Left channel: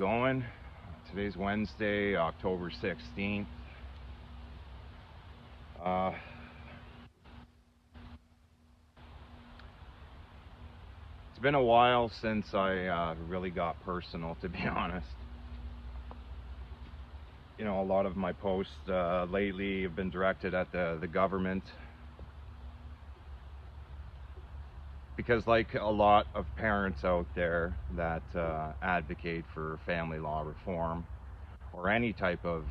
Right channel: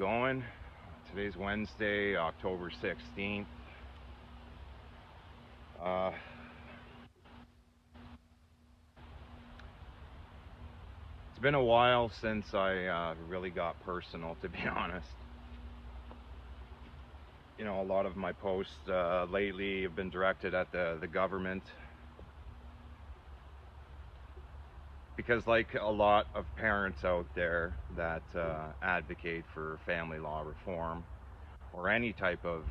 Going. Today's Wednesday, October 16th. Uh, it's been a while since I really got personal, to be honest. You know, a lot of my posts lately have been directed at the government because, like a lot of parents out there that advocate for family law reform or any type of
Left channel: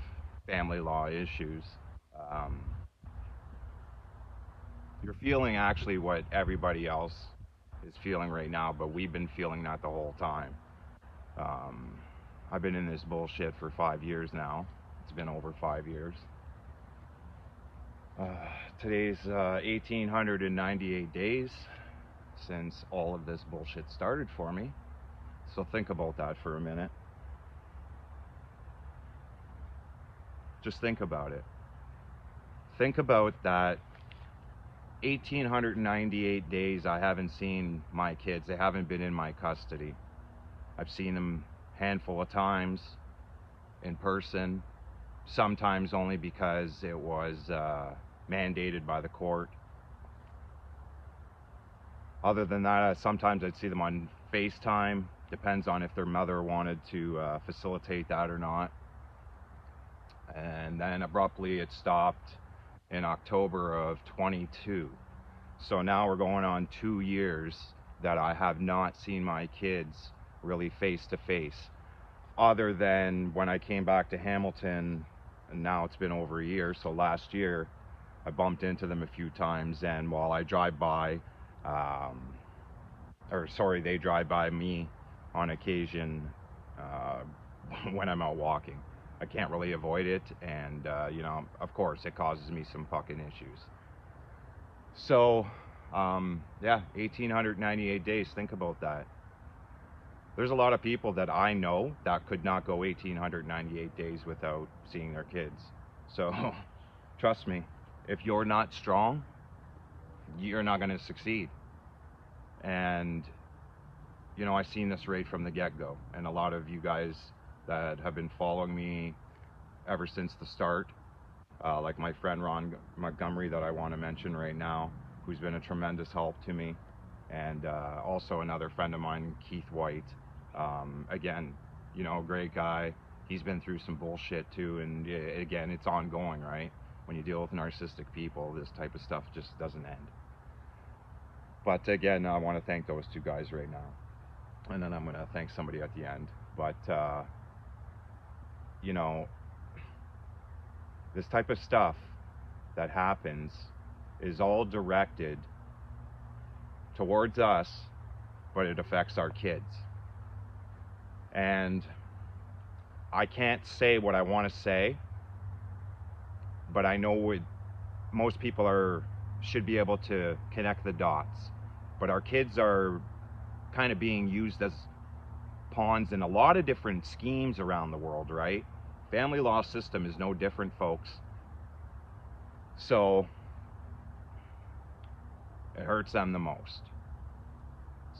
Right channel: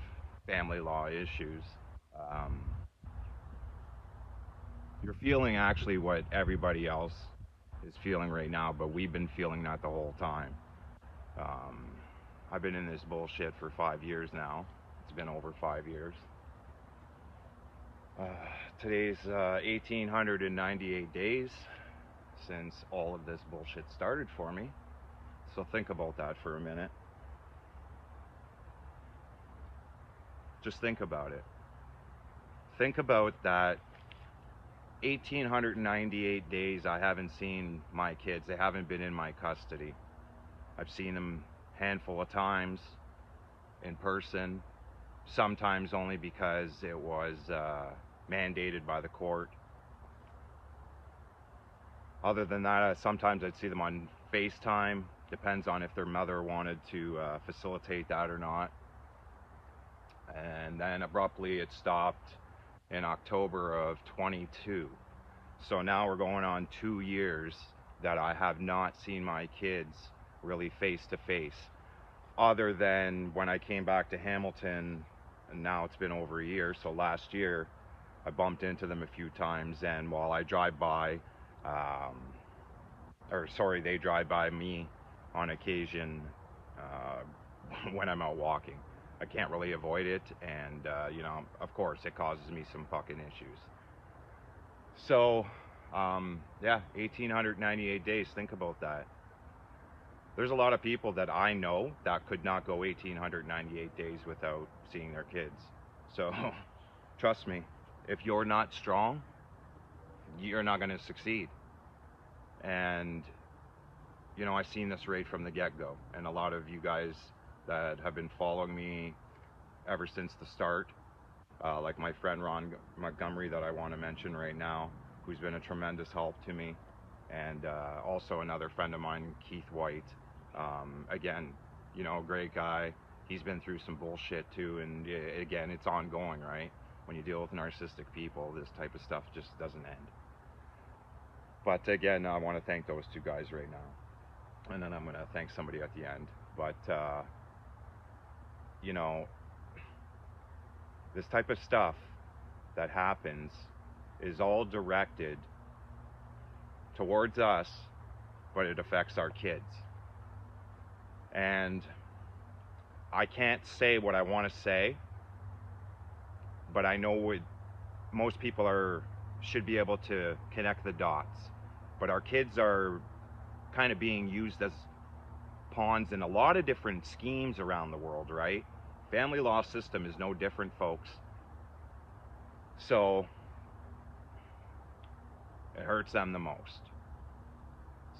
family law issues, um, you're feeling actually what everybody else is feeling right now, but we've been feeling that the whole time. Um, I've been in this bullshit for 5 years now. It's been over 5 years. Uh, Today's 1,898 days since all of this bullshit started for me. So think about that for a minute. Just think about it. Think about that 1,898 days I haven't seen my kids. They haven't been in my custody. I've seen them a handful of times in person, sometimes only because it was mandated by the court. Other than that, sometimes I'd see them on FaceTime. Depends on if their mother wanted to facilitate that or not. And then abruptly it stopped in October of 22. So now we're going on 2 years that I have not seen my kids really face to face, other than when I came back to Hamilton, and now it's been over a year. So last year I bumped into them a few times, and while I drive by, they drive by me on occasion when I'm out walking. I can't really avoid it, and of course it causes me some fucking issues. So 1,898 days. Think about that. There's a lot of people that I know that could not go 1,898 days without seeing their kids. So trust me, if you're not strong, you're not going to succeed. And I've seen this right from the get-go, and a lot of you guys that have been following me ever since the start, like my friend Ron Montgomery that I want to mention right now, who's been a tremendous help to me, and also another friend of mine, Keith White. Again, great guy. He's been through some bullshit too, and again, it's ongoing, right? When you deal with narcissistic people, this type of stuff just doesn't end. But again, I want to thank those two guys right now, and then I'm going to thank somebody at the end. But this type of stuff that happens is all directed towards us, but it affects our kids. And I can't say what I want to say, but I know most people should be able to connect the dots. But our kids are kind of being used as pawns in a lot of different schemes around the world, right? Family law system is no different, folks. So it hurts them the most.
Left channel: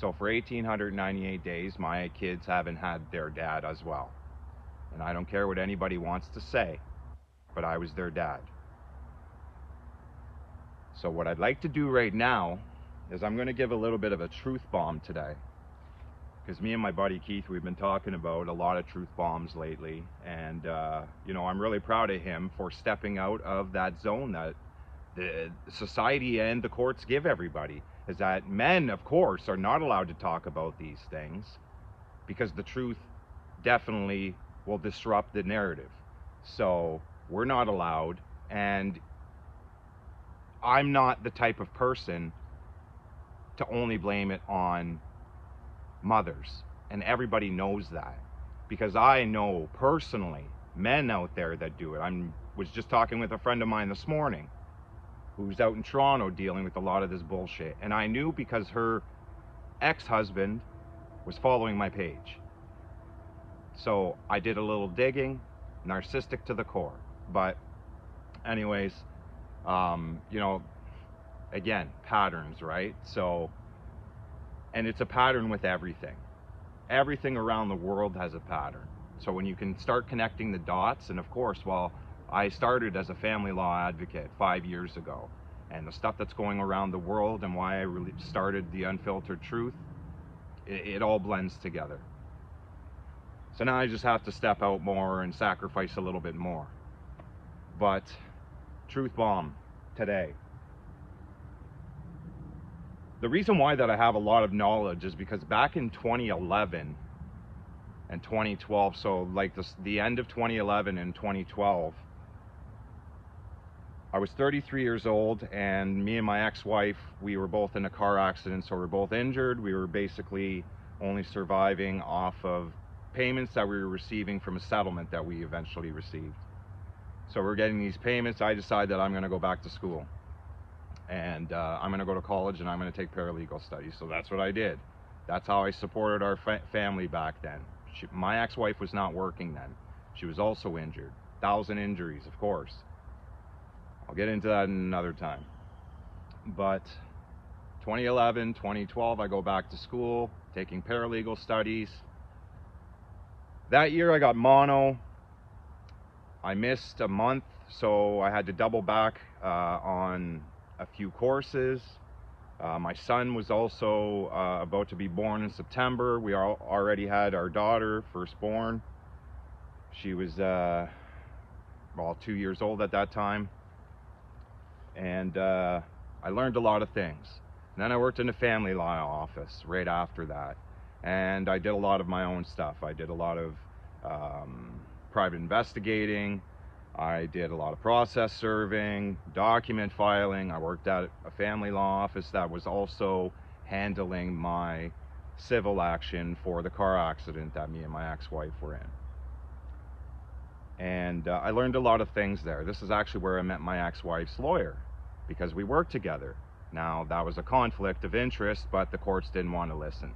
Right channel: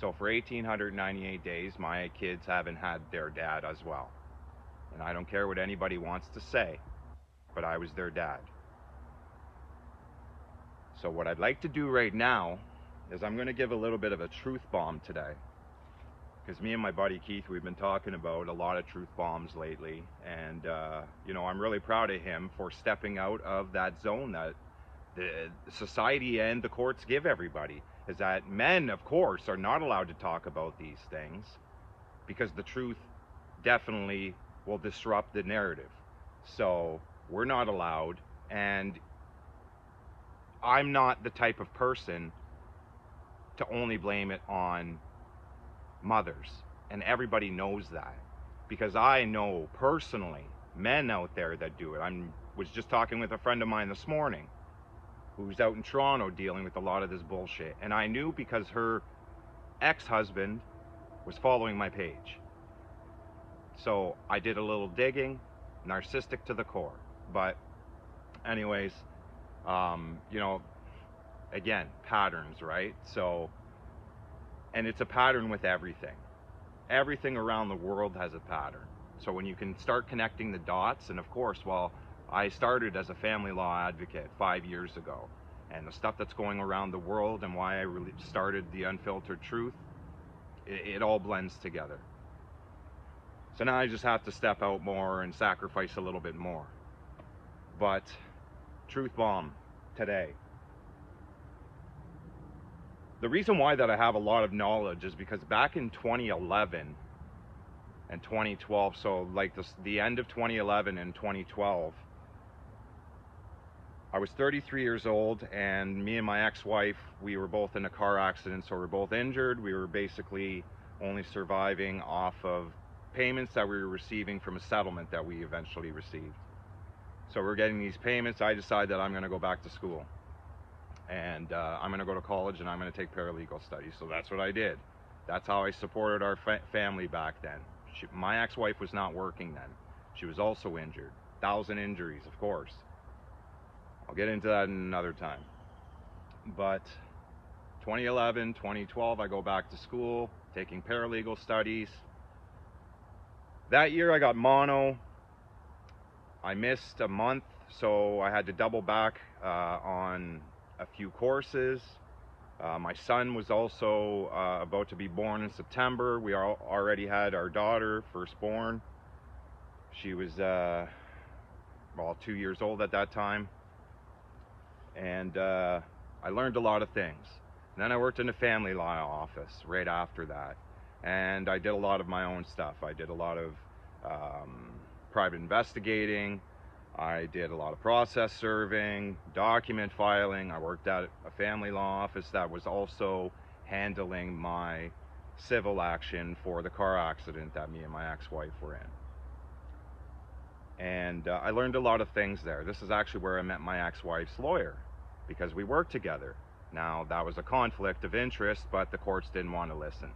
So for 1,898 days, my kids haven't had their dad as well. And I don't care what anybody wants to say, but I was their dad. So what I'd like to do right now is I'm going to give a little bit of a truth bomb today. Because me and my buddy Keith, we've been talking about a lot of truth bombs lately. And, I'm really proud of him for stepping out of that zone that the society and the courts give everybody. Is that men, of course, are not allowed to talk about these things because the truth definitely will disrupt the narrative. So we're not allowed, and I'm not the type of person to only blame it on mothers, and everybody knows that, because I know personally men out there that do it. Was just talking with a friend of mine this morning who's out in Toronto dealing with a lot of this bullshit, and I knew because her ex-husband was following my page. So I did a little digging. Narcissistic to the core. But anyways, again, patterns, right? So, and it's a pattern with everything. Everything around the world has a pattern. So when you can start connecting the dots, and of course, well, I started as a family law advocate 5 years ago, and the stuff that's going around the world and why I really started the Unfiltered Truth, it all blends together. So now I just have to step out more and sacrifice a little bit more. But truth bomb today. The reason why that I have a lot of knowledge is because back in 2011 and 2012, so like the end of 2011 and 2012, I was 33 years old, and me and my ex-wife, we were both in a car accident, so we were both injured. We were basically only surviving off of payments that we were receiving from a settlement that we eventually received. So we're getting these payments. I decided that I'm going to go back to school, and I'm going to go to college, and I'm going to take paralegal studies. So that's what I did. That's how I supported our family back then. My ex-wife was not working then. She was also injured. 1,000 injuries, of course. I'll get into that another time. But 2011, 2012, I go back to school, taking paralegal studies. That year I got mono. I missed a month, so I had to double back on a few courses. My son was also about to be born in September. We already had our daughter, firstborn. She was, well, 2 years old at that time. And I learned a lot of things. And then I worked in a family law office right after that. And I did a lot of my own stuff. I did a lot of private investigating. I did a lot of process serving, document filing. I worked at a family law office that was also handling my civil action for the car accident that me and my ex-wife were in. And I learned a lot of things there. This is actually where I met my ex-wife's lawyer, because we worked together. Now, that was a conflict of interest, but the courts didn't want to listen.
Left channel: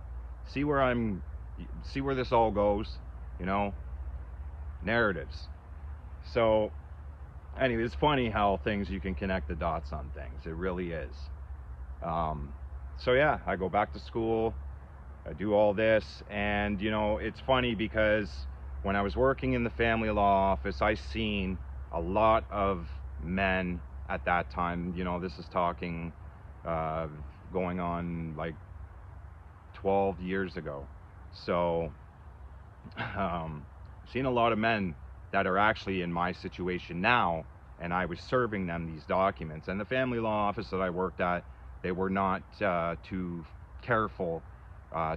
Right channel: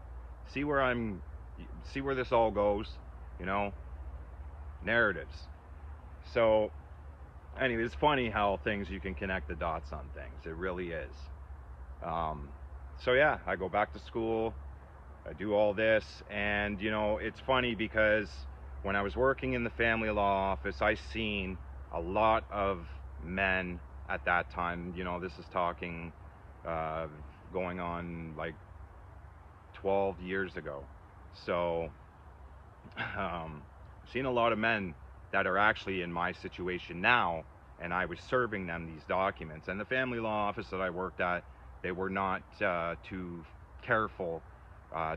See where this all goes, you know? Narratives. So, anyway, it's funny how you can connect the dots on things. It really is. So yeah, I go back to school, I do all this, and you know, it's funny because when I was working in the family law office, I seen a lot of men at that time. You know, this is talking going on like 12 years ago. So I've seen a lot of men that are actually in my situation now, and I was serving them these documents. And the family law office that I worked at, they were not too careful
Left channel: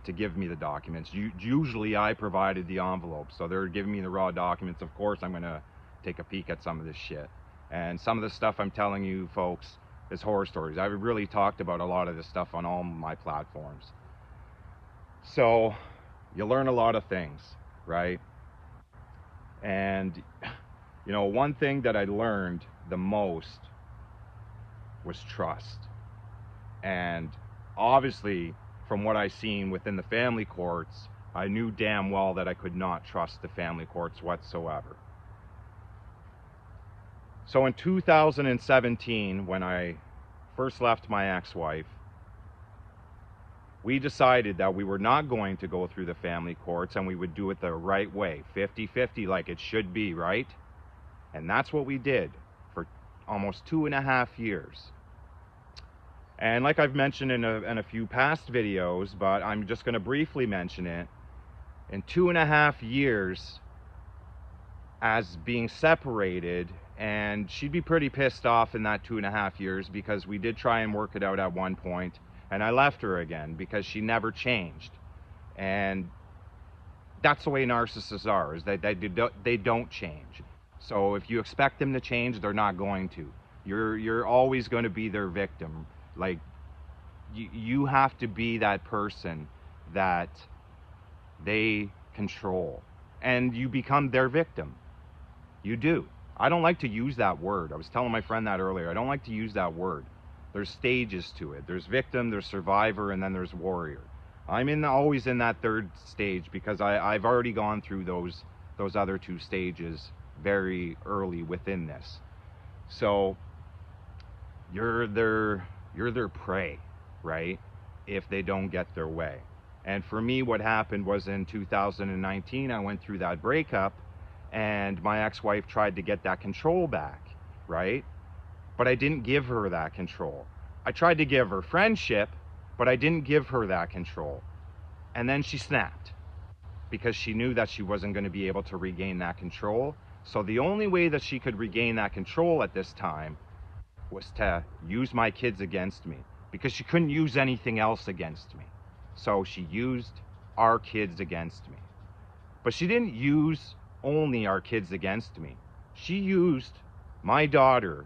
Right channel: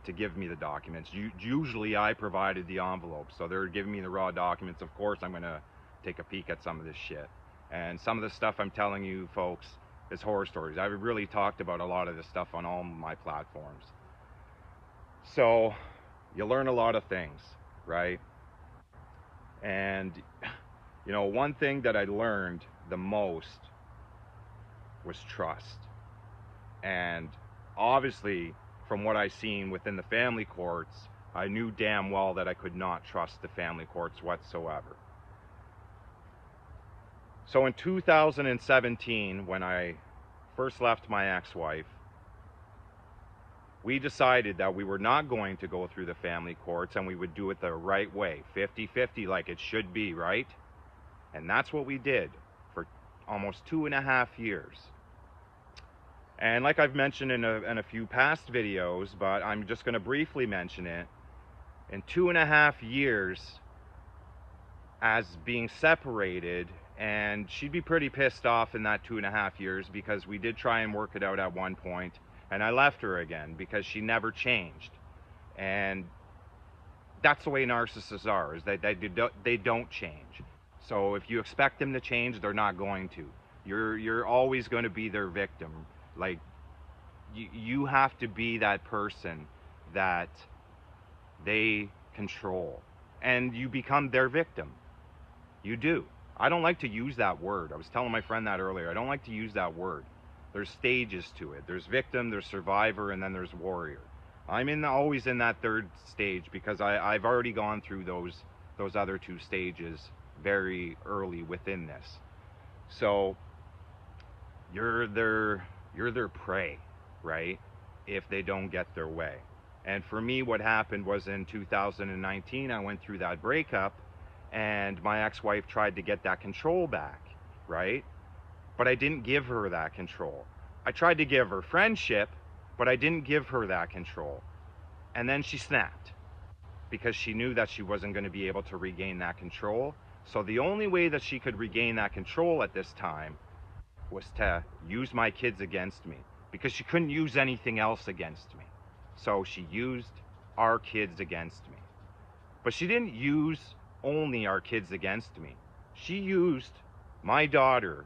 to give me the documents. Usually I provided the envelope, so they're giving me the raw documents. Of course I'm gonna take a peek at some of this shit. And some of the stuff I'm telling you folks is horror stories. I've really talked about a lot of this stuff on all my platforms. So you learn a lot of things, right? And you know, one thing that I learned the most was trust. And obviously, from what I seen within the family courts, I knew damn well that I could not trust the family courts whatsoever. So in 2017, when I first left my ex-wife, we decided that we were not going to go through the family courts, and we would do it the right way, 50-50, like it should be, right? And that's what we did for almost 2.5 years. And like I've mentioned in a few past videos, but I'm just going to briefly mention it, in 2.5 years as being separated, and she'd be pretty pissed off in that 2.5 years, because we did try and work it out at one point, and I left her again because she never changed. And that's the way narcissists are, is that they don't change. So if you expect them to change, they're not going to. You're always going to be their victim. Like, you have to be that person that they control, and you become their victim. You do. I don't like to use that word. I was telling my friend that earlier. I don't like to use that word. There's stages to it. There's victim, there's survivor, and then there's warrior. I'm always in that third stage, because I've already gone through those other two stages very early within this. So you're their prey, right? If they don't get their way. And for me, what happened was in 2019, I went through that breakup, and my ex-wife tried to get that control back, right? But I didn't give her that control. I tried to give her friendship, but I didn't give her that control. And then she snapped because she knew that she wasn't going to be able to regain that control. So the only way that she could regain that control at this time was to use my kids against me, because she couldn't use anything else against me. So she used our kids against me. But she didn't use only our kids against me. She used my daughter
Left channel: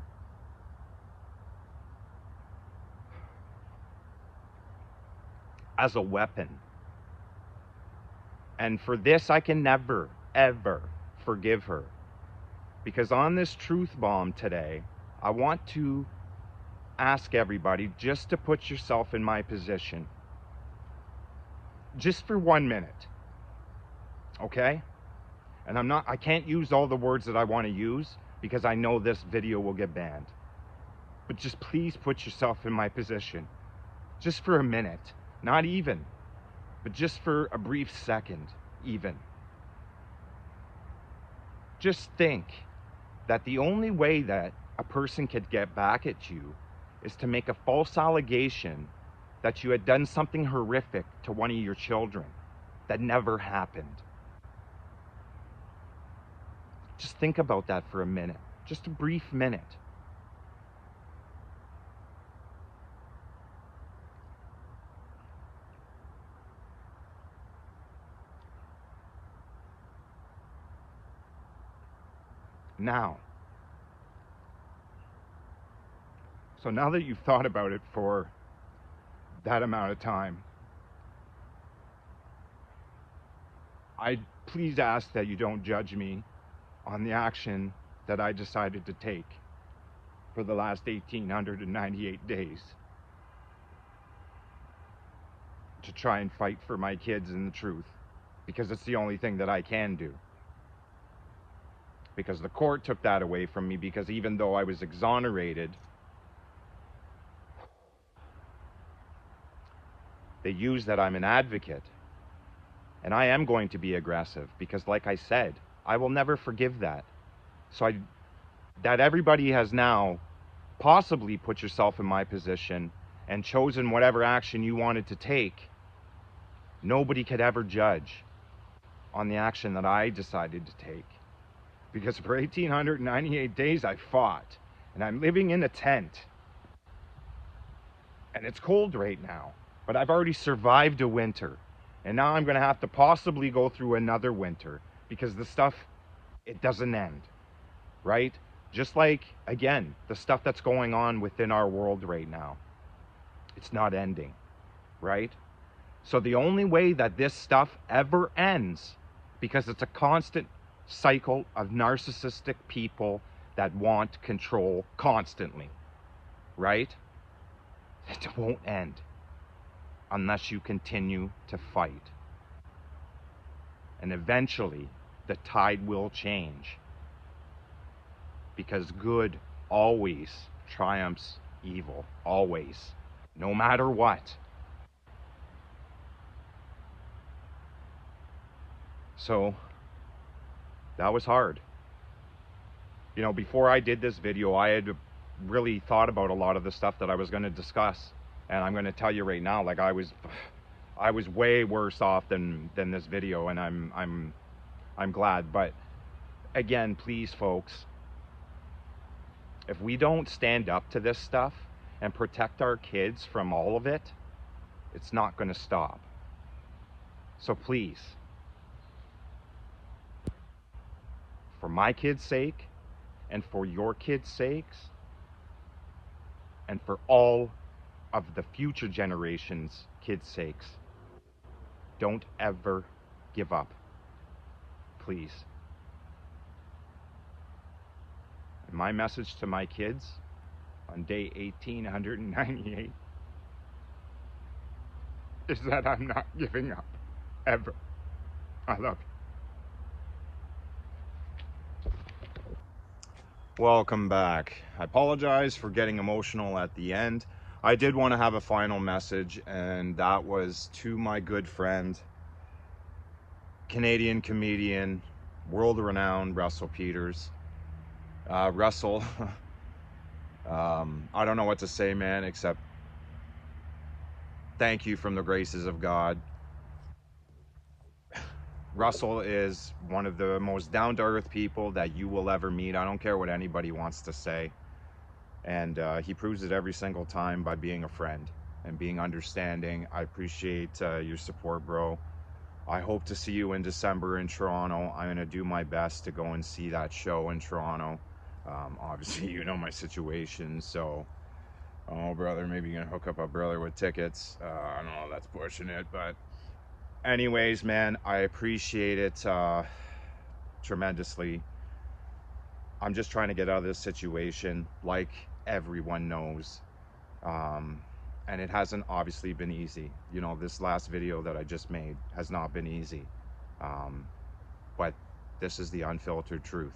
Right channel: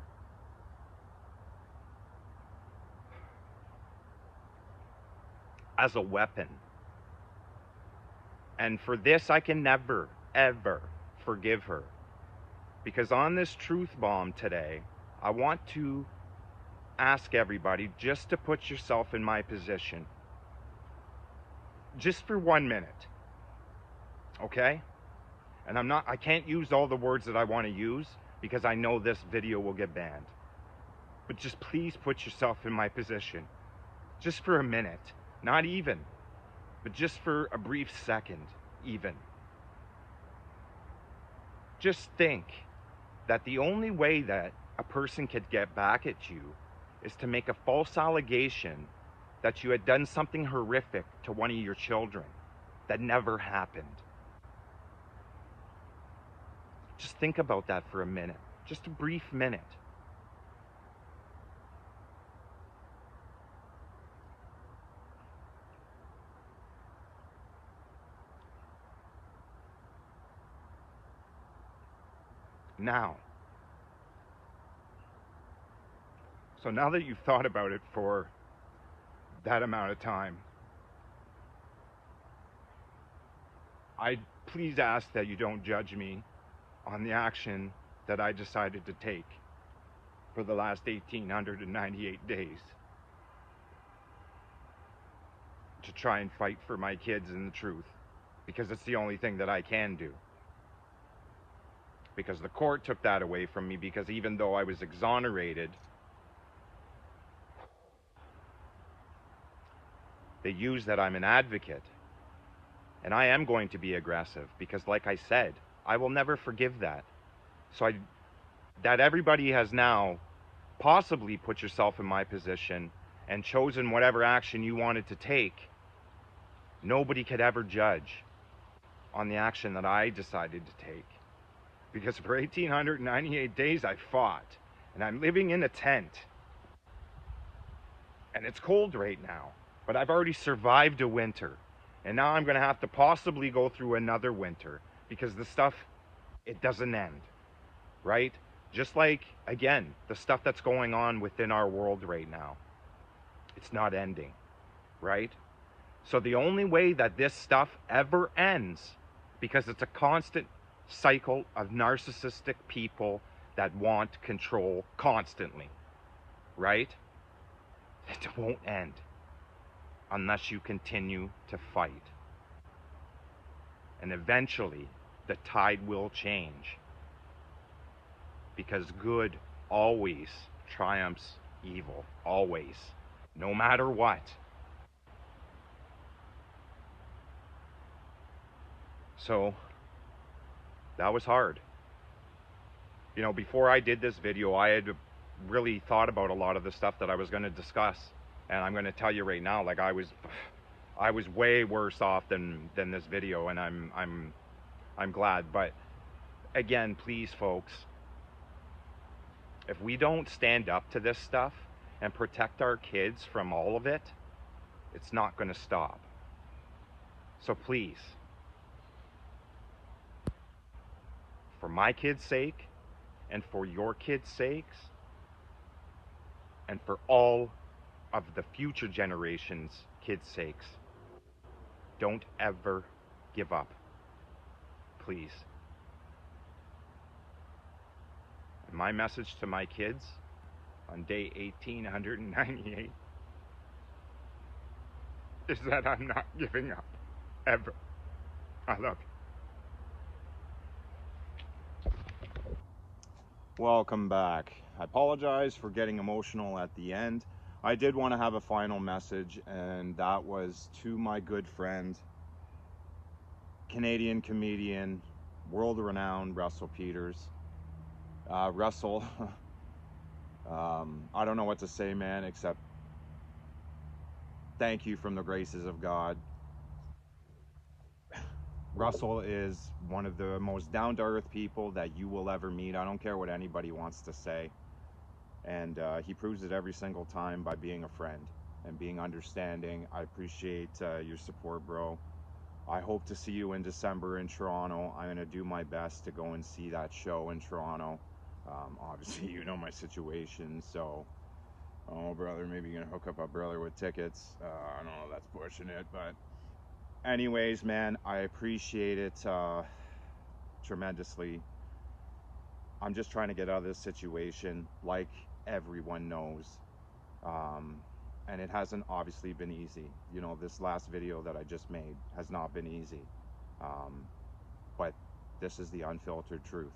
as a weapon. And for this, I can never, ever forgive her. Because on this truth bomb today, I want to ask everybody just to put yourself in my position. Just for 1 minute. Okay? And I can't use all the words that I want to use because I know this video will get banned. But just please put yourself in my position. Just for a minute. Not even. But just for a brief second, even. Just think that the only way that a person could get back at you is to make a false allegation that you had done something horrific to one of your children that never happened. Just think about that for a minute. Just a brief minute. Now, so now that you've thought about it for that amount of time, I please ask that you don't judge me on the action that I decided to take for the last 1,898 days to try and fight for my kids and the truth, because it's the only thing that I can do. Because the court took that away from me, because even though I was exonerated, they use that I'm an advocate. And I am going to be aggressive because, like I said, I will never forgive that. So that everybody has now possibly put yourself in my position and chosen whatever action you wanted to take, nobody could ever judge on the action that I decided to take. Because for 1,898 days I fought, and I'm living in a tent. And it's cold right now. But I've already survived a winter, and now I'm going to have to possibly go through another winter, because the stuff, it doesn't end, right? Just like, again, the stuff that's going on within our world right now, it's not ending, right? So the only way that this stuff ever ends, because it's a constant cycle of narcissistic people that want control constantly, right? It won't end unless you continue to fight. And eventually, the tide will change. Because good always triumphs evil. Always. No matter what. So, that was hard. You know, before I did this video, I had really thought about a lot of the stuff that I was going to discuss. And I'm going to tell you right now, like I was way worse off than this video, and I'm glad. But again, please, folks, if we don't stand up to this stuff and protect our kids from all of it, it's not going to stop. So please, for my kids' sake, and for your kids' sakes, and for all of the future generations' kids' sakes, don't ever give up. Please. And my message to my kids on day 1,898 is that I'm not giving up. Ever. I love you. Welcome back. I apologize for getting emotional at the end. I did want to have a final message, and that was to my good friend, Canadian comedian, world-renowned Russell Peters. Russell, I don't know what to say, man, except thank you from the graces of God. Russell is one of the most down-to-earth people that you will ever meet. I don't care what anybody wants to say. And he proves it every single time by being a friend and being understanding. I appreciate your support, bro. I hope to see you in December in Toronto. I'm going to do my best to go and see that show in Toronto. Obviously, you know my situation, so... Oh, brother, maybe you're going to hook up a brother with tickets. I don't know, that's pushing it, but... Anyways, man, I appreciate it tremendously. I'm just trying to get out of this situation, like everyone knows. And it hasn't obviously been easy. You know, this last video that I just made has not been easy. But this is the unfiltered truth.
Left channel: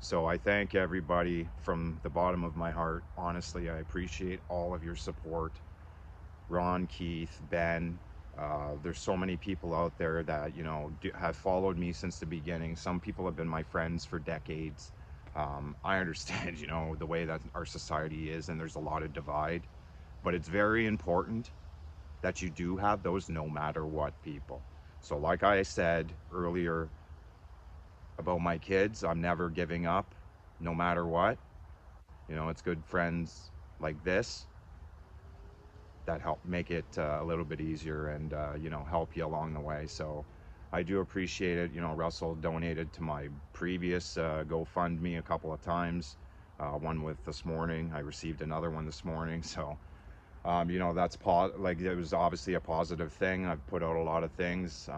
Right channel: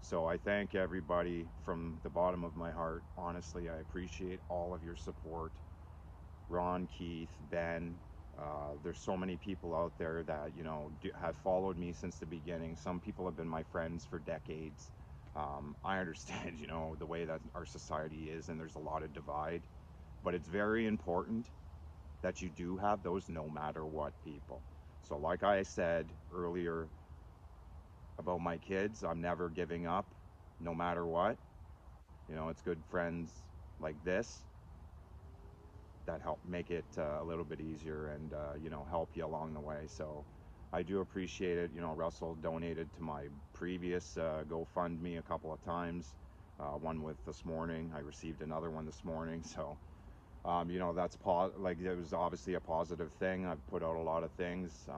So I thank everybody from the bottom of my heart. Honestly, I appreciate all of your support. Ron, Keith, Ben, there's so many people out there that, you know, have followed me since the beginning. Some people have been my friends for decades. I understand, you know, the way that our society is, and there's a lot of divide. But it's very important that you do have those no matter what people. So like I said earlier about my kids, I'm never giving up no matter what. You know, it's good friends like this that help make it a little bit easier and, you know, help you along the way. So I do appreciate it. You know, Russell donated to my previous GoFundMe a couple of times. One with this morning. I received another one this morning. So, you know, that's like it was obviously a positive thing. I've put out a lot of things.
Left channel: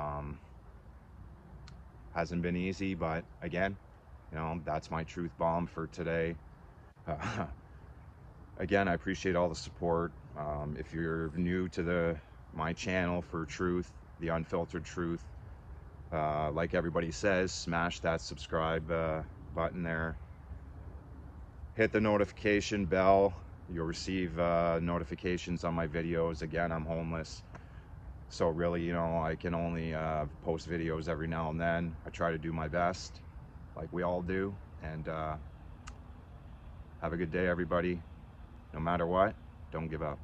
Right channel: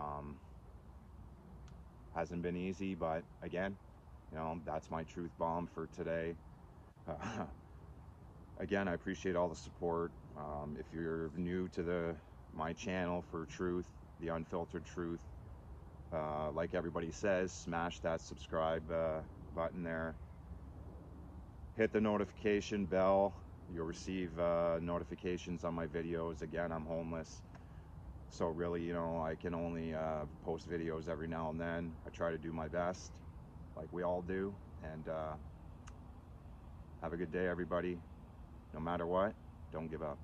Hasn't been easy, but again, you know, that's my truth bomb for today. Again, I appreciate all the support. If you're new to my channel for truth, the unfiltered truth, like everybody says, smash that subscribe button there. Hit the notification bell. You'll receive notifications on my videos. Again, I'm homeless, so really, you know, I can only post videos every now and then. I try to do my best, like we all do. And have a good day, everybody. No matter what, don't give up.